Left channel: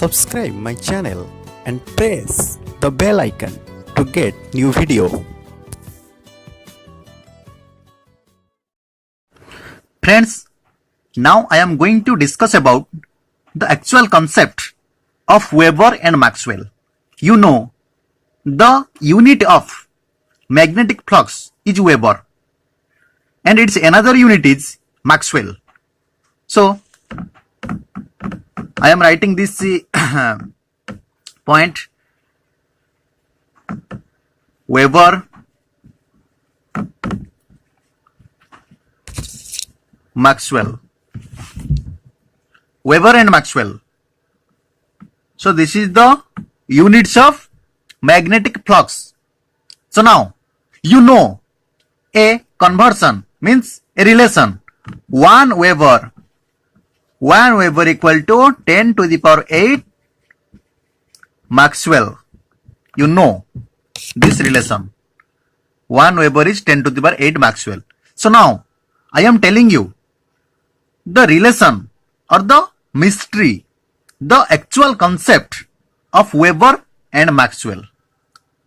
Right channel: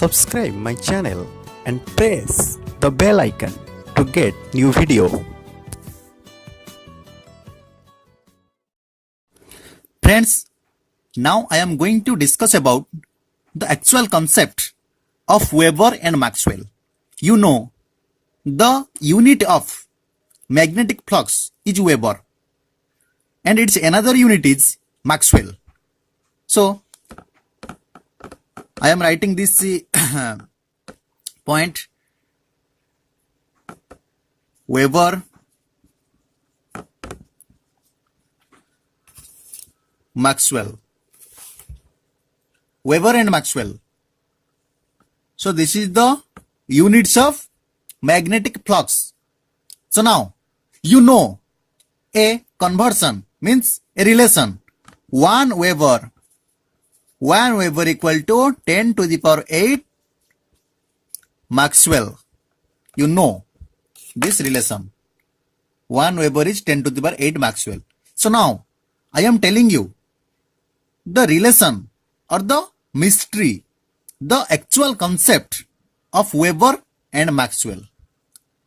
subscribe my channel and press the bell icon to get new video. Friends, now I am going to discuss about the actual concept of Weber and Maxwell. You know, the unit of magnetic flux is Weber and its another unit is Maxwell. So, I am writing this point Weber Maxwell. Weber and Maxwell. So this is the units of magnetic flux. So now you know a conversion means a relation 1 Weber equal to 10 to the power 8 Maxwell. You know this relation 1 Weber is 10 to the power 8 Maxwell. So now I am telling you the relation or the mystery, the actual concept of Weber and Maxwell.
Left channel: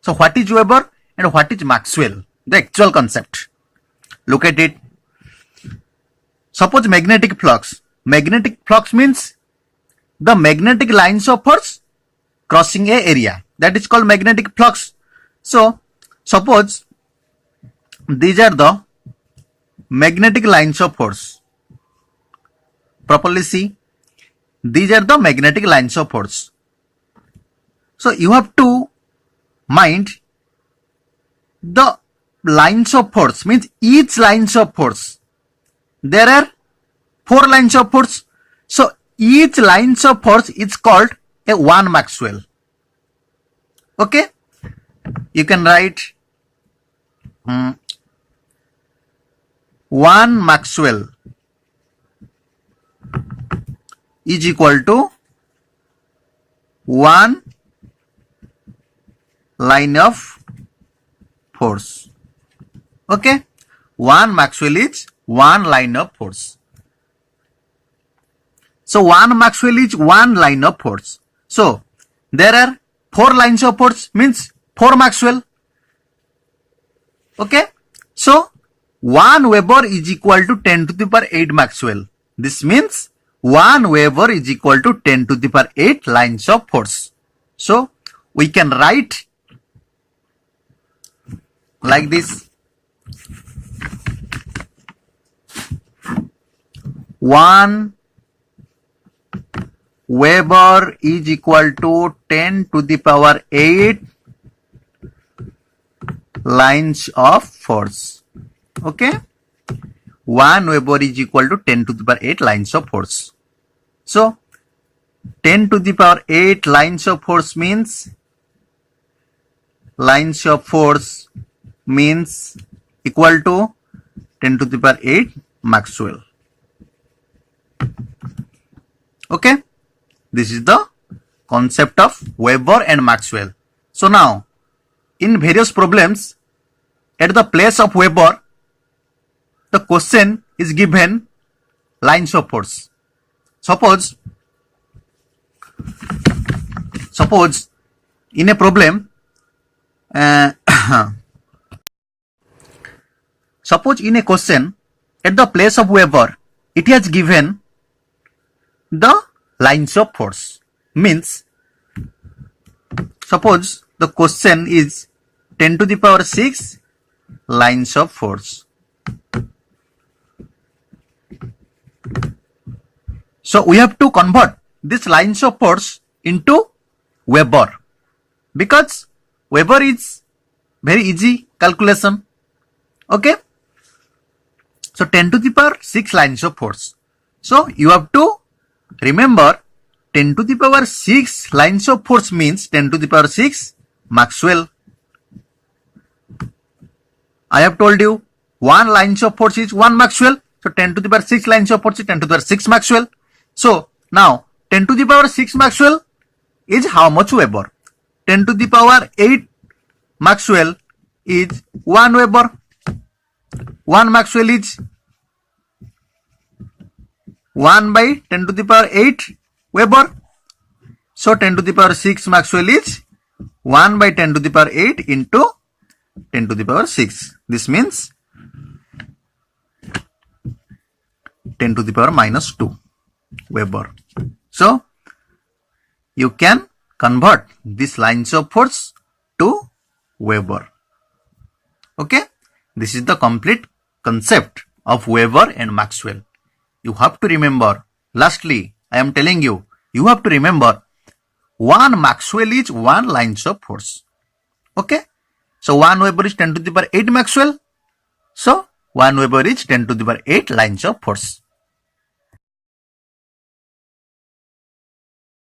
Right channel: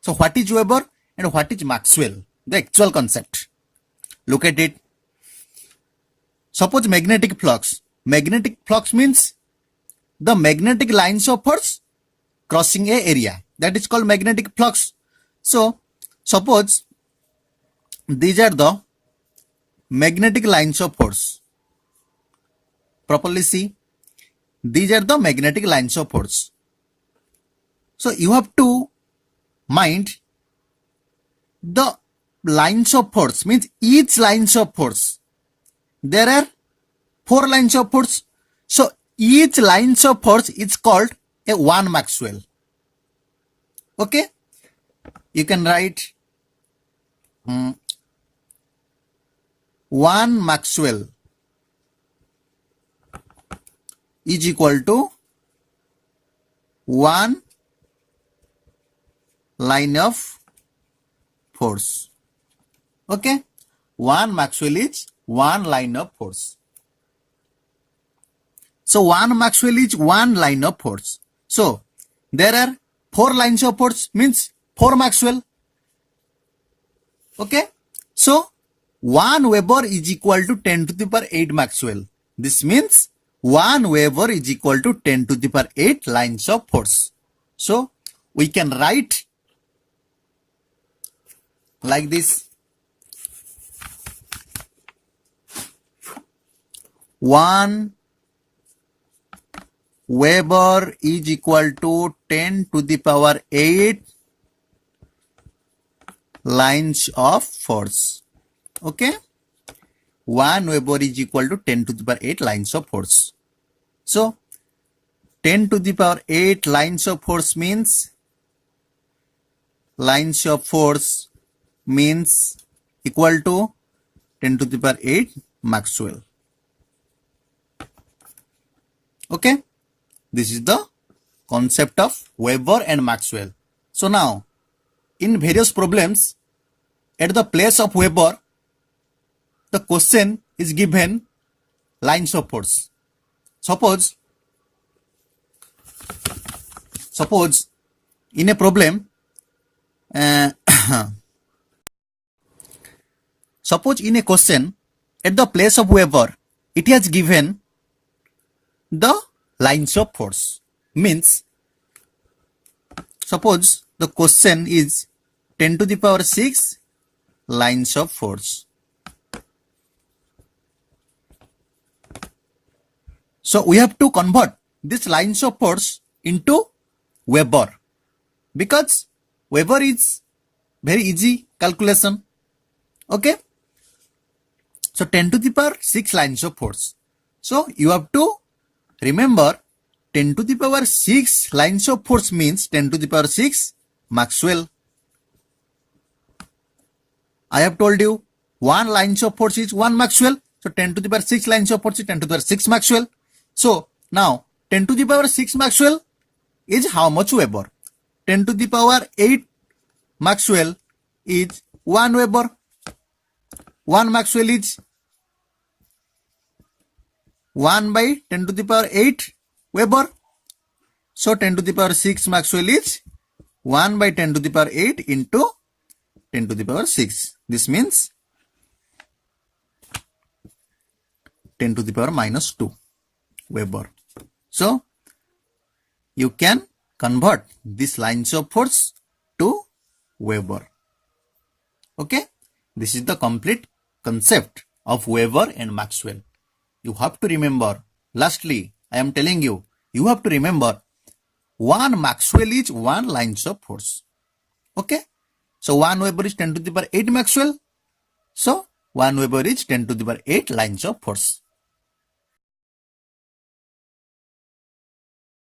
So what is Weber and what is Maxwell? The actual concept. Look at it. Suppose magnetic flux. Magnetic flux means the magnetic lines of force crossing a area. That is called magnetic flux. So suppose these are the magnetic lines of force. Properly see. These are the magnetic lines of force. So you have to mind the lines of force means each lines of force. There are 4 lines of force. So each lines of force is called a 1 Maxwell. Okay. You can write 1 Maxwell is equal to 1 line of force. Okay. 1 Maxwell is 1 line of force. So 1 Maxwell is 1 line of force. So there are 4 lines of force means 4 Maxwell. Okay. So 1 Weber is equal to 10 to the power 8 Maxwell. This means 1 Weber is equal to 10 to the power 8 lines of force. So we can write like this. 1 Weber is equal to 10 to the power 8 lines of force. Okay. 1 Weber is equal to 10 to the power 8 lines of force. So 10 to the power 8 lines of force means equal to 10 to the power 8 Maxwell. Okay. This is the concept of Weber and Maxwell. So now, in various problems, at the place of Weber, the question is given lines of force. Suppose in a problem, suppose in a question, at the place of Weber, it has given the lines of force. Means, suppose the question is 10 to the power 6 lines of force. So we have to convert this lines of force into Weber because Weber is very easy calculation. Okay. So 10 to the power 6 lines of force. So you have to remember 10 to the power 6 lines of force means 10 to the power 6 Maxwell. I have told you 1 lines of force is 1 Maxwell. So 10 to the power 6 lines of force is 10 to the power 6 Maxwell. So now 10 to the power 6 Maxwell is how much Weber? 10 to the power 8 Maxwell is 1 Weber. 1 Maxwell is 1 by 10 to the power 8 Weber. So 10 to the power 6 Maxwell is 1 by 10 to the power 8 into 10 to the power 6. This means 10 to the power minus 2 Weber. So you can convert these lines of force to Weber. Okay, this is the complete concept of Weber and Maxwell. You have to remember, lastly, I am telling you, you have to remember 1 Maxwell is 1 lines of force. Okay, so 1 Weber is 10 to the power 8 Maxwell. So 1 Weber is 10 to the power 8 lines of force.